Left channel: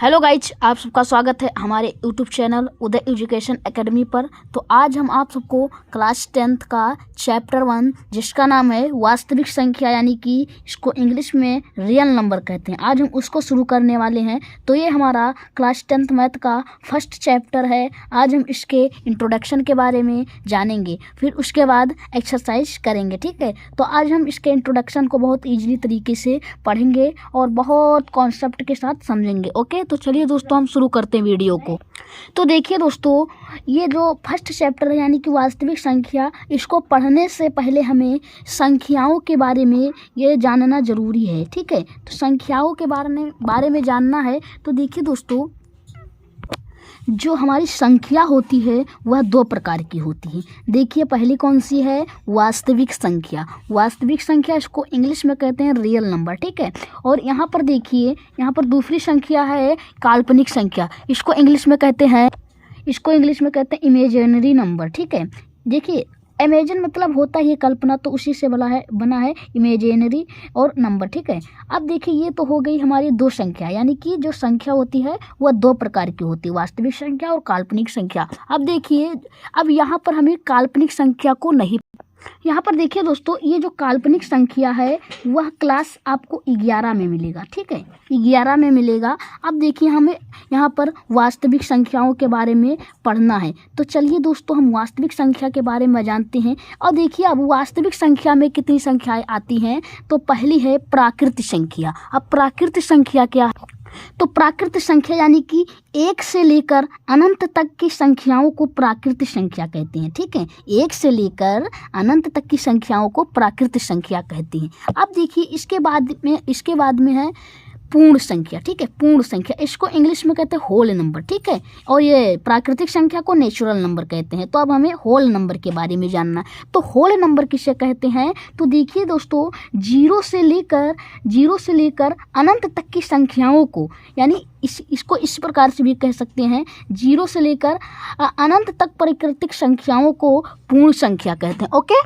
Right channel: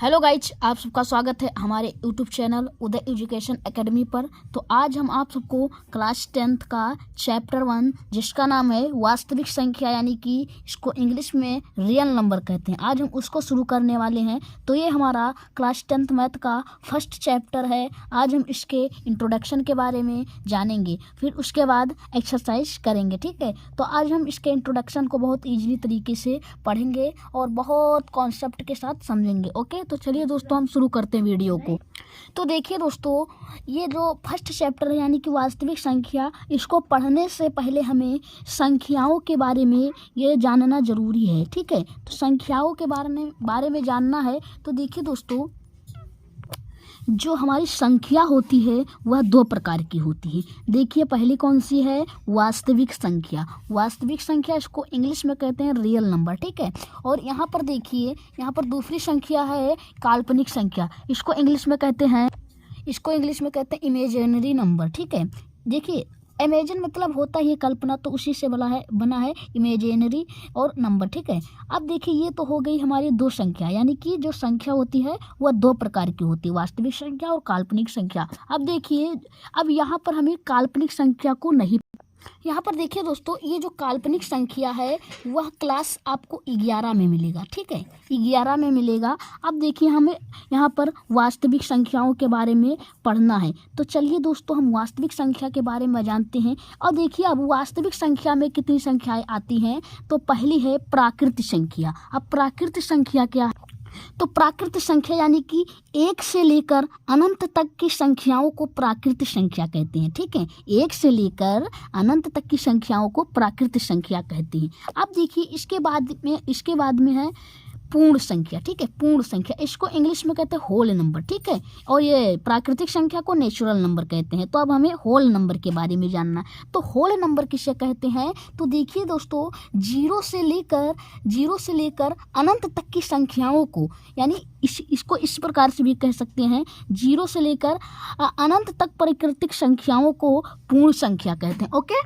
Hello guys, आप सबका स्वागत है हमारे यूट्यूब चैनल उदय एजुकेशन एकेडमी पर। तो आज हम आप सबको क्लास 10th का चैप्टर 1 जिसका नाम है वास्तविक संख्या, यानी कि इसको इंग्लिश में रियल नंबर कहते हैं, आज हम उसको शुरू करने वाले हैं। तो ये हमारा क्लास 10th मैथ का फर्स्ट चैप्टर है। आज हम इसके इंट्रोडक्शन के बारे में जानेंगे, फिर उसके बाद एक्सरसाइज करेंगे। ठीक है, तो आज हम इसके इंट्रोडक्शन को बहुत ईजिली तरीके से पढ़ेंगे और बहुत कॉन्सेप्ट के साथ समझेंगे। ओके, तो चलिए दोस्तों हम शुरू करते हैं वीडियो को। तो देखिए दोस्तों, ये जो फर्स्ट चैप्टर है यानी कि वास्तविक संख्या, इसको पढ़ने से पहले हमें संख्याओं के बारे में ये जानना ज़रूरी है। ठीक है, तो संख्याओं के बारे में जानना है। तो देखिए दोस्तों, जो हमारी संख्या होती है वह दो प्रकार की होती है। देखिए पहली कौन सी है, वास्तविक संख्या। वास्तविक संख्या इसको इंग्लिश में कहते हैं रियल नंबर। ठीक है, और यहाँ पर देखिए, यहाँ पर दूसरी संख्या है काल्पनिक संख्या। इसको इंग्लिश में कहते हैं इमेजिनरी नंबर। ठीक है, देखिए इमेजिन मतलब होता ही कल्पना, तो उसी से बना है इमेजिनरी और नंबर। ठीक है, अब देखिए ये तो हो गई हमारी दो संख्या, यानी कि जो संख्या होती है वह दो प्रकार की होती है, वास्तविक संख्या और काल्पनिक संख्या। अब देखिए, अब यहाँ पर हमें काल्पनिक संख्या को नहीं, यहाँ पर देखिए दोस्तों, ये जो काल्पनिक संख्या है वह क्लास आपको 11 में मिलेगा। ठीक है, 11 में मिलेगा। अब देखिए हमें यहाँ पर वास्तविक संख्याओं के बारे में पढ़ना है। तो चलिए दोस्तों, हम वास्तविक संख्या के बारे में जानते हैं। और देखिए अब वास्तविक संख्या में कितनी संख्याएं आती हैं। तो पहली है प्राकृत संख्या। अब प्राकृत संख्या क्या है? तो प्राकृत संख्या यानी कि 1 से लेकर अनंत तक की संख्याओं को प्राकृत संख्या कहते हैं। ठीक है, 1 से लेकर अनंत तक की संख्याओं को प्राकृत संख्या कहते हैं। अब देखिए इसके बाद में है पूर्ण संख्या। ठीक है, पूर्ण संख्या इसको इंग्लिश में कहते हैं होल नंबर। ठीक है, और ये प्राकृतिक संख्या को नेचुरल नंबर कहते हैं। तो अब हमें होल नंबर के बारे में जानना। तो होल नंबर किसे कहते हैं? तो देखिए दोस्तों, 0 से लेकर अनंत तक की संख्याओं को, यानी इसको इस प्रकार से भी कह सकते हैं, 0 से लेकर अनंत तक प्राकृतिक संख्याओं को पूर्ण संख्या कहते हैं। ओके,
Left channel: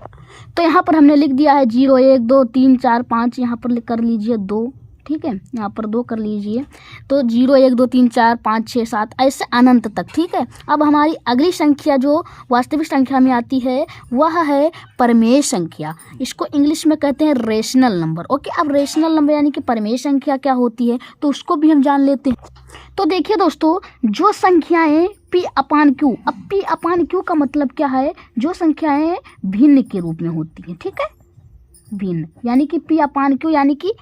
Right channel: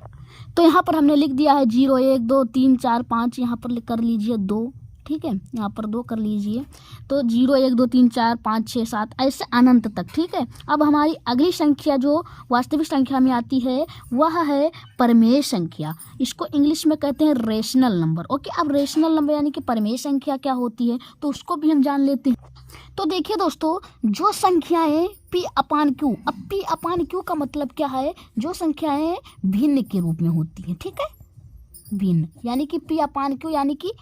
तो यहाँ पर हमने लिख दिया है 0 1 2 3 4 5, यहाँ पर कर लीजिए 2। ठीक है, यहाँ पर 2 कर लीजिए। तो 0 1 2 3 4 5 6 7 ऐसे अनंत तक। ठीक है, अब हमारी अगली संख्या जो वास्तविक संख्या में आती है वह है परमेय संख्या। इसको इंग्लिश में कहते हैं रेशनल नंबर। ओके, अब रेशनल नंबर यानी कि परमेय संख्या क्या होती है, तो उसको भी हम जान लेते हैं। तो देखिए दोस्तों, जो संख्याएं P अपान Q, अब P अपान Q का मतलब क्या है? जो संख्याएं भिन्न के रूप में होती हैं। ठीक है, भिन्न यानी कि P अपान Q यानी कि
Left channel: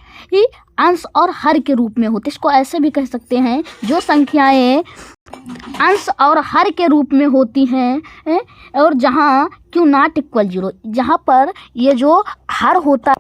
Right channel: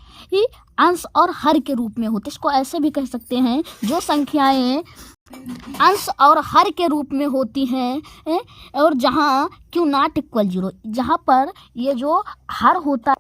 अंश और हर के रूप में होते। इसको ऐसे भी कह सकते हैं, जो संख्याएं अंश और हर के रूप में होती हैं और जहां Q नॉट इक्वल 0, जहां पर ये जो हर होता,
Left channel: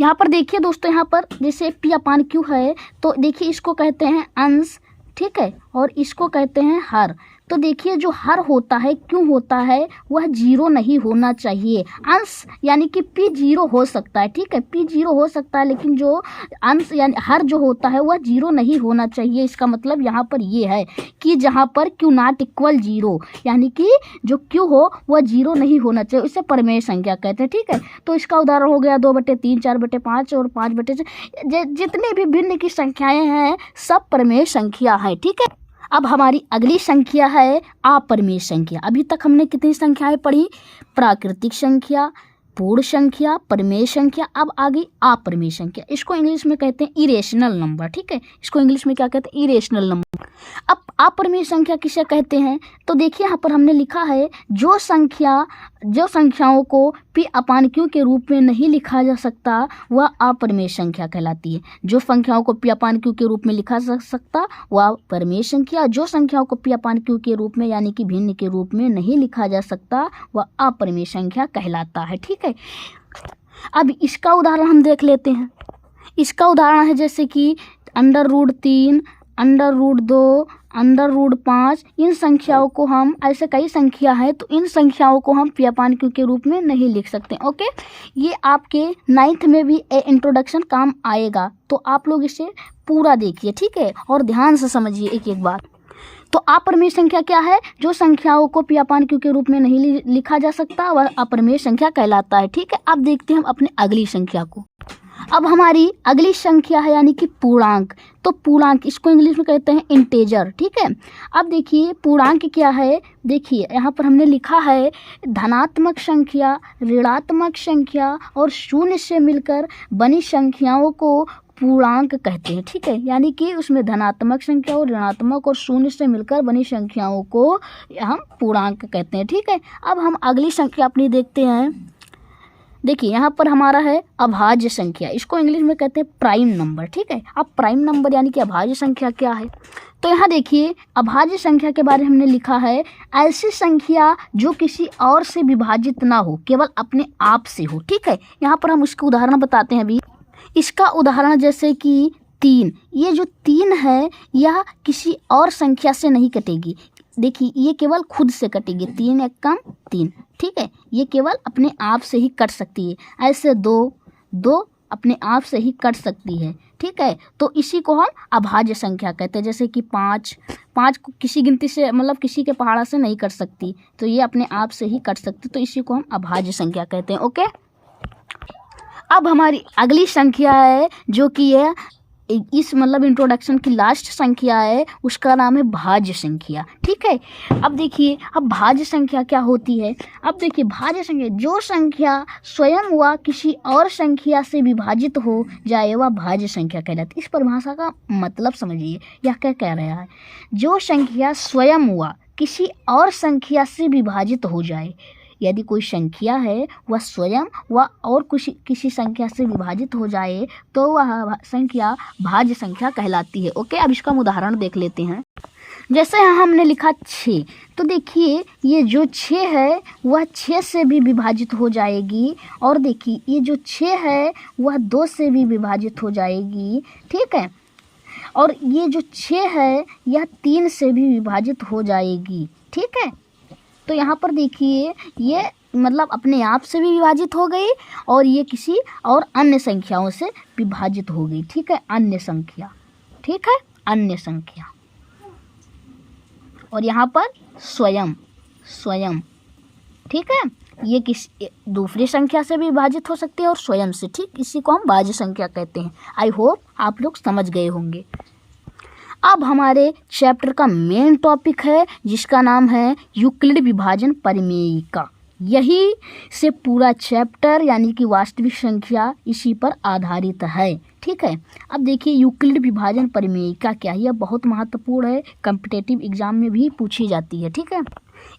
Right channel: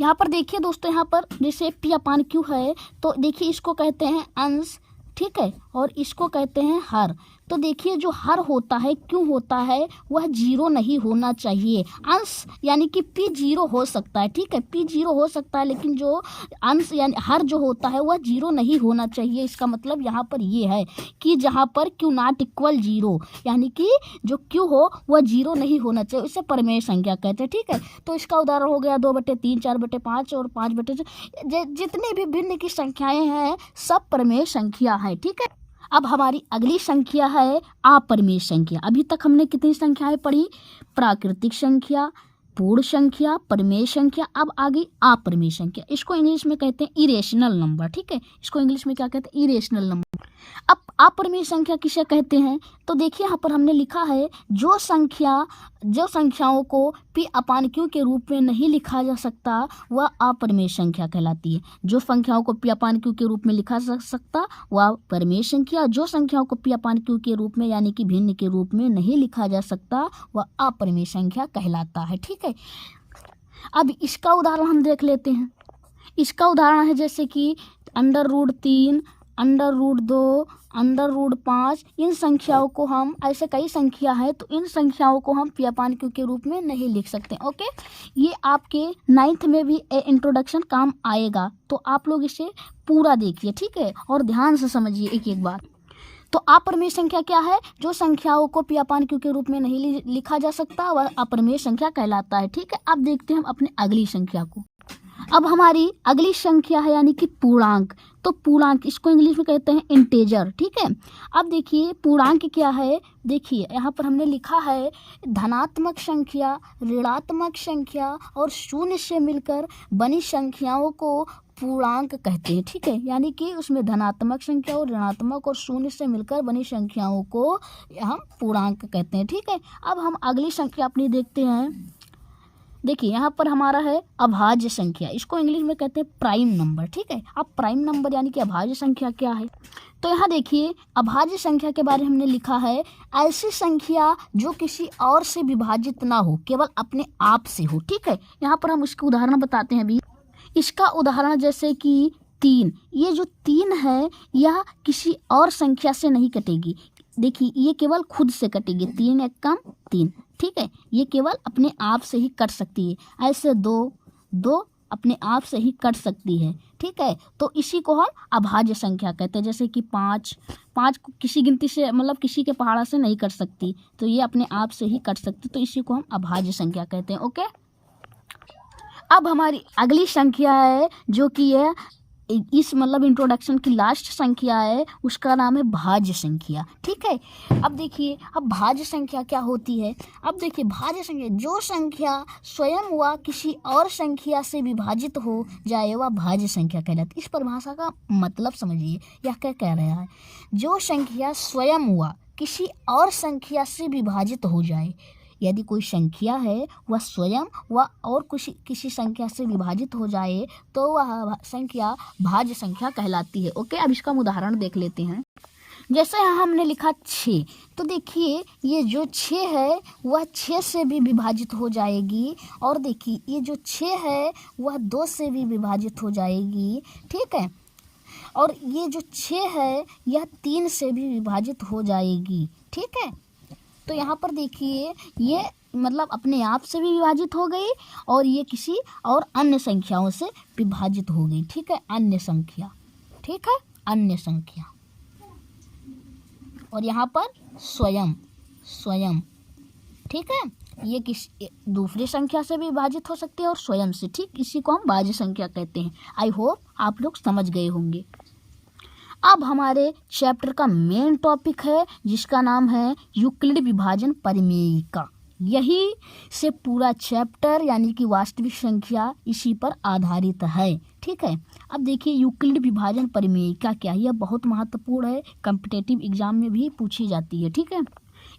यहाँ पर देखिए दोस्तों, यहाँ पर जैसे P अपान Q है, तो देखिए इसको कहते हैं अंश। ठीक है, और इसको कहते हैं हर। तो देखिए जो हर होता है, क्यों होता है, वह 0 नहीं होना चाहिए। अंश यानी कि P 0 हो सकता है। ठीक है, P 0 हो सकता है, लेकिन जो अंश यानी हर जो होता है वह 0 नहीं होना चाहिए। इसका मतलब यहाँ पर ये है कि जहाँ पर Q नॉट इक्वल 0, यानी कि जो Q हो वह 0 नहीं होना चाहिए, इसे परमेय संख्या कहते हैं। ठीक है, तो इसका उदाहरण हो गया 2/3 4/5 और 5/6। जितने भी भिन्न की संख्याएं हैं सब परमेय संख्या है। ठीक है, अब हमारी अगली संख्या है अपरमेय संख्या। अभी तक हमने कितनी संख्याएं पढ़ी? प्राकृतिक संख्या, पूर्ण संख्या, परमेय संख्या। अब आ गई अपरमेय संख्या। इसको इंग्लिश में कहते हैं इरेशनल नंबर। ठीक है, इसको इंग्लिश में क्या कहते हैं? Irrational number. अब अपरमेय संख्या किसे कहते हैं? तो देखिए यहाँ पर हमने लिखा है, जो संख्याओं को P अपान Q के रूप में नहीं लिखा जा सकता वह अपरमेय संख्या कहलाती है। जो संख्याओं को P अपान Q के रूप में लिखा जा सकता वह परमेय संख्या, जो संख्याओं को P अपान Q के रूप में यानी कि भिन्न के रूप में नहीं लिखा जा सकता वह अपरमेय संख्या कहलाता है। ठीक है, अब इसका उदाहरण हम देख लेते हैं। इसका उदाहरण है जैसे कि √3, √2, √5। इन संख्याओं को हम, ऐसे कई संख्या है, तो इन संख्याओं को हम P अपान Q के रूप में नहीं लिख सकते। ओके, ये आपके 9th में भी इंट्रोडक्शन काम आएगा, तो आप लोग इसे पूरा देखिए। ठीक है, और ध्यान से समझिए एक एक बात। तो अपरमेय संख्या क्या है? जो संख्याओं को P अपान Q के रूप में नहीं लिखा जा सकता वह अपरमेय संख्या कहलाता है। ठीक है, अब देखते हैं हम अपने अगली संख्या को। अब हमारी अगली संख्या है यानी कि पूर्णांक। तो तो पूर्णांक इसको इंग्लिश में कहते हैं इंटेजर, ठीक है। अब देखिए पूर्णांक क्या है, देखिए यहाँ पर हमने लिखा है धनात्मक संख्या, ऋणात्मक संख्या और शून्य से मिलकर बनी संख्याओं को पूर्णांक कहते हैं, ठीक है। यानी कि उसमें धनात्मक संख्या और ऋणात्मक और शून्य से मिलकर बनी संख्याओं को हम पूर्णांक कहते हैं, ठीक है। अब हम अगली संख्या अपनी देखते हैं। देखिए यहाँ पर हमारा है अभाज्य संख्या, इसको इंग्लिश में कहते हैं प्राइम नंबर, ठीक है। अब प्राइम नंबर यानी कि अभाज्य संख्या क्या है, तो यहाँ देखिए अभाज्य संख्या के बारे में हमने लिखा है ऐसी संख्या जो किसी और से विभाजित ना हो, केवल अपने आप से हो, ठीक है। यहाँ पर हम उसके उदाहरण बताते हैं अभी। इसका उदाहरण जैसे कि 3, ये जो 3 है यह किसी और संख्या से नहीं कटेगी। देखिए ये केवल खुद से कटेगी, 3 एक कम 3, ठीक है। ये केवल अपने आप से ही कट सकती है। ऐसे 2 अपने आप से ही कट सकती है, ठीक है। तो इसी को हम अभाज्य संख्या कहते हैं। जैसे कि 5 को किसी गिनती से मतलब किसी के पहाड़ा से नहीं कट सकती, तो ये अपने आप से ही कट सकती, तो इसी को हम अभाज्य संख्या कहते हैं, ओके। अब हमारी अगली संख्या है जो कि है इस मतलब इंट्रोडक्शन की लास्ट संख्या है, उसका नाम है भाज्य संख्या, ठीक है। अब देखिए अब भाज्य संख्या क्या होती है। अब देखिए भाज्य संख्या जो संख्या स्वयं व किसी और संख्या से विभाजित हो जाए वह भाज्य संख्या कहलाती है। इस परिभाषा का मतलब समझिए, यह क्या कह रहा है, जो संख्या स्वयं व किसी और संख्या से विभाजित हो जाए, यदि कोई संख्या है वह स्वयं व और किसी संख्या से विभाजित हो जाए तो वह संख्या भाज्य संख्या कहलाती है, ओके। अब इसका हम उदाहरण देख लेते हैं। जैसे यहाँ हमने लिखा 6, तो देखिए ये जो 6 है वह 6 से भी विभाजित हो जाएगी, और देखिए ये जो 6 है वह 2 से भी विभाजित हो जाएगी, ठीक है। और ये जो 6 है यह 3 से भी विभाजित हो जाएगी, ठीक है। तो यहाँ पर देखिए ये मतलब अपने आप से भी विभाजित हो गई और ये किसी और अन्य संख्याओं से विभाजित हो गई, ठीक है। अन्य संख्या, ठीक है, अन्य संख्या। और यहाँ पर स्वयं, ठीक है, ये किसी दूसरी संख्या से भी विभाजित हो सकती है और स्वयं से, ठीक। इसी को हम भाज्य संख्या कहते हैं। आई होप आप लोग समझ गए होंगे। अब हमारे चैप्टर का मेन टॉपिक है जिसका नाम है यूक्लिड विभाजन परिमेयिका। यही से पूरा चैप्टर यानी कि वास्तविक संख्या इसी पर आधारित है, ठीक है। अब देखिए यूक्लिड विभाजन परिमेयिका क्या है, यह बहुत महत्वपूर्ण है, कॉम्पिटिटिव एग्जाम में भी पूछी जाती है, ठीक है।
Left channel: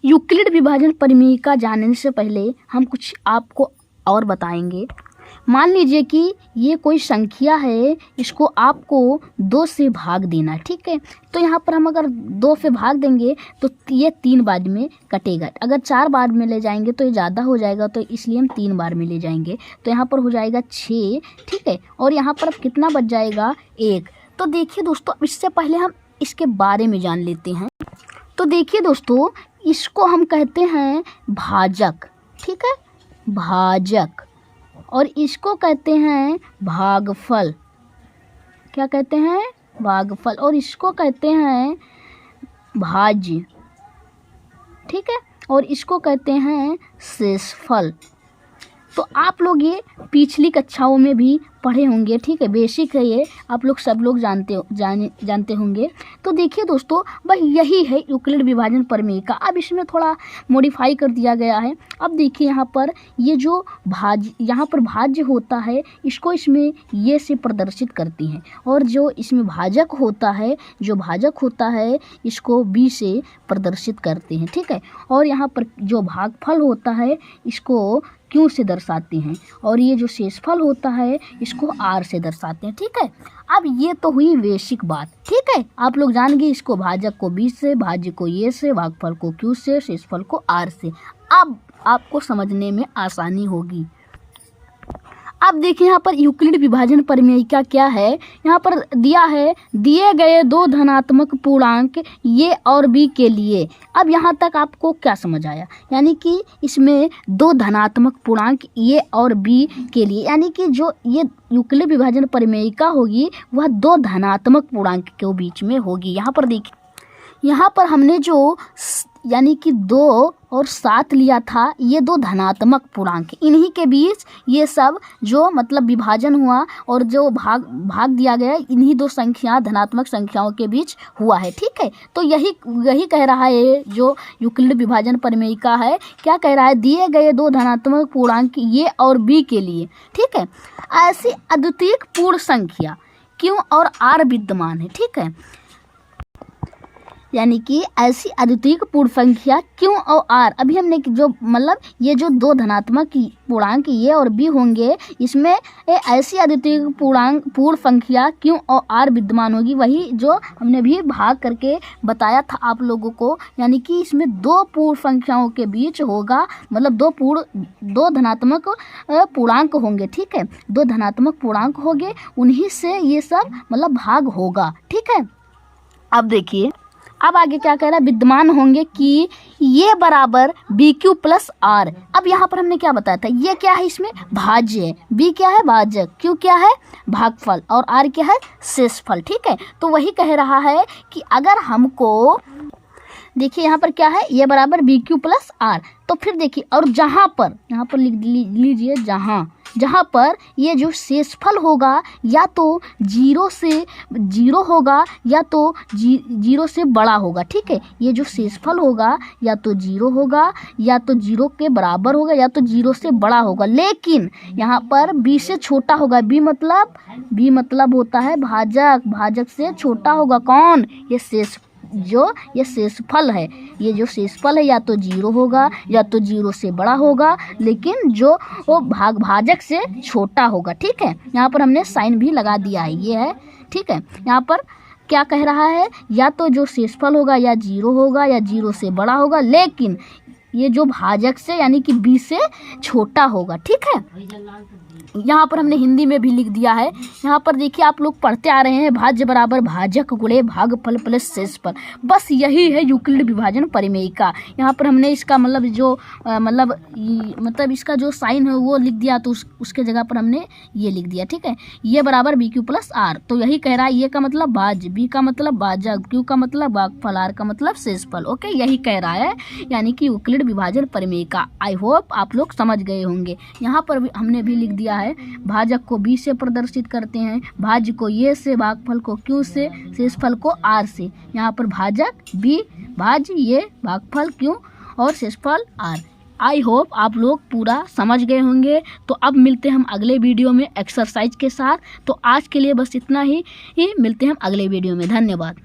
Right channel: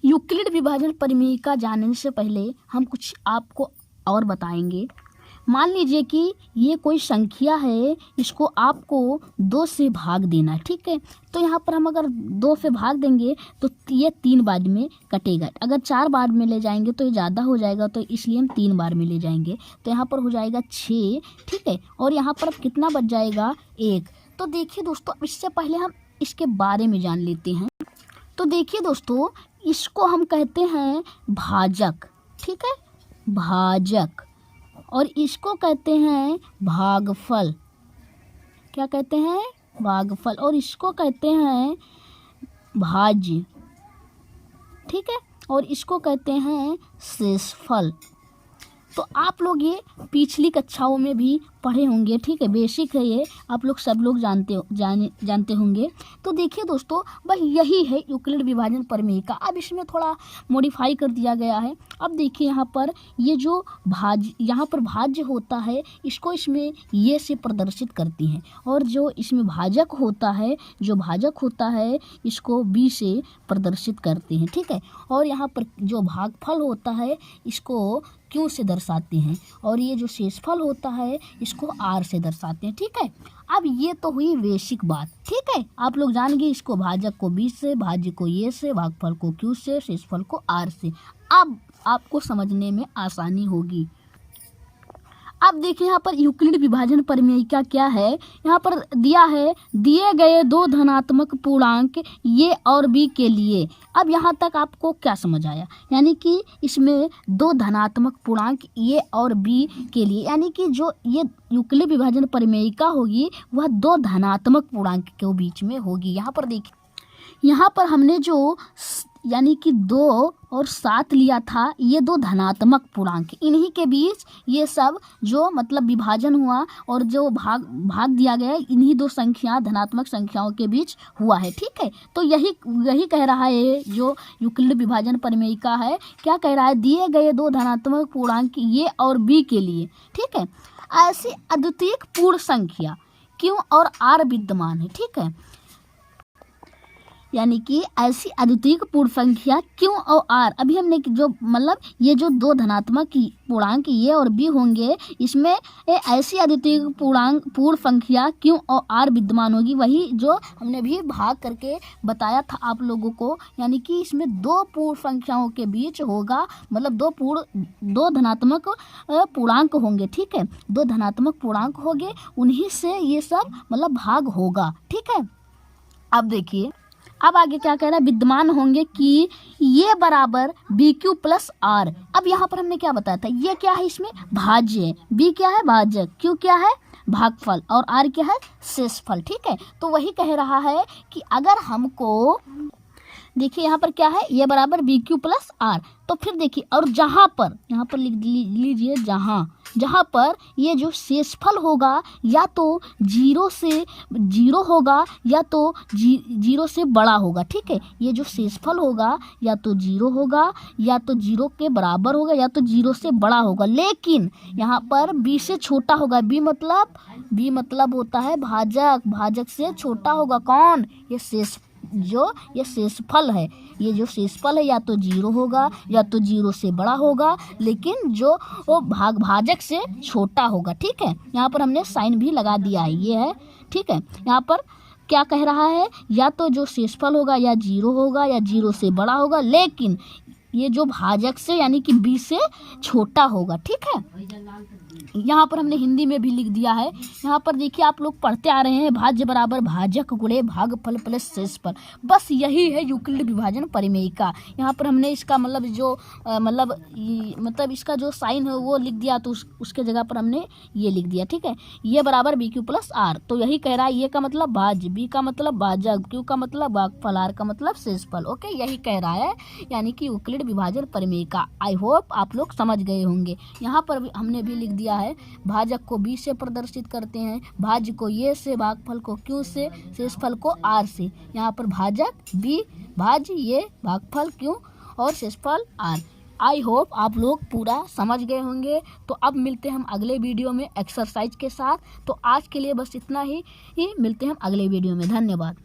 यूक्लिड विभाजन परिमेयिका जानने से पहले हम कुछ आपको और बताएंगे। मान लीजिए कि ये कोई संख्या है, इसको आपको 2 से भाग देना है, ठीक है। तो यहाँ पर हम अगर 2 से भाग देंगे तो ये 3 बार में कटेगा। अगर 4 बार में ले जाएंगे तो ये ज़्यादा हो जाएगा, तो इसलिए हम 3 बार में ले जाएंगे। तो यहाँ पर हो जाएगा 6, ठीक है। और यहाँ पर अब कितना बच जाएगा, 1। तो देखिए दोस्तों इससे पहले हम इसके बारे में जान लेते हैं। तो देखिए दोस्तों इसको हम कहते हैं भाजक, ठीक है, भाजक। और इसको कहते हैं भागफल, क्या कहते हैं, भागफल। और इसको कहते हैं भाज्य, ठीक है। और इसको कहते हैं शेषफल। तो आप लोग ये पिछली कक्षाओं में भी पढ़े होंगे, ठीक है, बेसिक है ये, आप लोग सब लोग जानते होंगे। तो देखिए दोस्तों बस यही है यूक्लिड विभाजन परिमेयिका। अब इसमें थोड़ा मॉडिफाई कर दिया गया है। अब देखिए यहाँ पर ये जो यहाँ पर भाज्य होता है इसको इसमें ये से प्रदर्शित करती हैं, और जो इसमें भाजक होता है इसको बी से प्रदर्शित करते हैं, ठीक है। और यहाँ पर जो भागफल होता है इसको क्यों से दर्शाते हैं, और ये जो शेषफल होता है इसको आर से दर्शाते हैं, ठीक है। अब ये तो हुई बेसिक बात, ठीक है। आप लोग जान गए इसको भाजक को बी से, भाज्य को ये से, भागफल को क्यू से, शेषफल को आर से। अब आपको समझने में आसानी होगी। अब देखिए यहाँ पर यूक्लिड विभाजन परिमेयिका क्या है, यहाँ पर दिया है दिए गए 2 धनात्मक पूर्णांक ए और बी के लिए। अब यहाँ तक आपको क्या समझ आया, यानी कि इसमें 2 धनात्मक पूर्णांक ए और बी के लिए, यानी कि जो ये यूक्लिड विभाजन परिमेयिका होगी वह 2 धनात्मक पूर्णांक के बीच में होगी। यहाँ पर देखिए यहाँ पर हमने जो यानी कि 2 और 7 लिया था, ये 2 धनात्मक पूर्णांक, इन्हीं के बीच ये सब जो मतलब विभाजन हुआ और जो भाग दिया गया, इन्हीं 2 संख्या धनात्मक संख्याओं के बीच हुआ है। ठीक है, तो यही कह रहा है जो यूक्लिड विभाजन प्रमेय का है। क्या कह रहा है, दिए गए 2 धनात्मक पूर्णांक ए और बी के लिए, ठीक है, ऐसी अद्वितीय पूर्ण संख्या क्यू और आर विद्यमान है। ठीक है, यानी कि ऐसी अद्वितीय पूर्ण संख्या क्यू और आर, अभी हमने जो मतलब ये जो 2 धनात्मक पूर्णांक ए और बी होंगे, इसमें ऐसी अद्वितीय पूर्ण संख्या क्यू और आर विद्यमान होगी, वही जो हमने भी भाग करके बताया था आप लोगों को। यानी कि इसमें 2 पूर्ण संख्याओं के बीच होगा, मतलब 2 धनात्मक पूर्णांक होंगे। ठीक है, 2 धनात्मक पूर्णांक होंगे, उन्हीं से ये सब मतलब भाग होगा। ठीक है, अब देखिए अब आगे क्या कह रहा है, विद्यमान होंगे कि ये बराबर बी क्यू प्लस आर। अब यहाँ पर हमने क्या बताया था, ये क्या है, इसमें भाज्य है, बी क्या है भाजक, क्यू क्या है भागफल और आर क्या है शेषफल। ठीक है, तो वही कह रहा है कि अगर हमको देखिए यहाँ पर क्या है, ये बराबर बी क्यू प्लस आर, तो फिर देखिए और यहाँ पर लिख लीजिए, जहाँ पर ये जो शेषफल होगा या तो 0 से 0 होगा या तो 0 से बड़ा होगा। ठीक है, ये जो शेषफल होगा या तो 0 होगा या तो 0 के बराबर होगा या तो 0 से बड़ा होगा, लेकिन यहाँ पर b से छोटा होगा। b मतलब होता है भाजक से छोटा होगा। कौन, ये शेषफल है, ये जो शेषफल है या तो 0 होगा या तो 0 से बड़ा होगा, लेकिन जो वो भाजक से छोटा होगा। ठीक है, यहाँ पर हमने साइन भी लगा दिया है, ये है। ठीक है, यहाँ पर क्या कह रहा है, या तो जो शेषफल होगा या 0 होगा या 0 से बड़ा होगा, लेकिन ये जो भाजक से यानी कि b से छोटा होगा। ठीक है, यहाँ पर हमने हिंदी में भी लिख दिया है। यहाँ पर देखिए आप लोग पढ़ते आ रहे हैं, भाज्य बराबर भाजक गुणे भागफल प्लस शेषफल। बस यही है यूक्लिड विभाजन प्रमेय का। यहाँ पर हमने इसका मतलब जो मतलब इसका जो साइन है वो लिख दिया, तो उसके जगह पर हमने ये लिख दिया। ठीक है, ये बराबर बी क्यू प्लस आर, तो यही कह रहा है, ये का मतलब भाज्य, बी का मतलब भाजक, क्यू का मतलब भागफल, आर का मतलब शेषफल। ओके, यही कह रहा है, यानी कि यूक्लिड विभाजन प्रमेय का। आई होप आप लोग समझ गए होंगे। यहाँ पर भी हमने भी लिख दिया है, भाजक को b से प्रदर्शित करते हैं, भाज्य को ये से, भागफल को q से, शेषफल को r से। यहाँ पर भाजक b, भाज्य ये, भागफल q और शेषफल r। आई होप आप लोग पूरा समझ गए होंगे। तो अब मिलते हैं हम अगले वीडियो में एक्सरसाइज के साथ। तो आज के लिए बस इतना ही मिलते हैं हम अगले वीडियो में। धन्यवाद।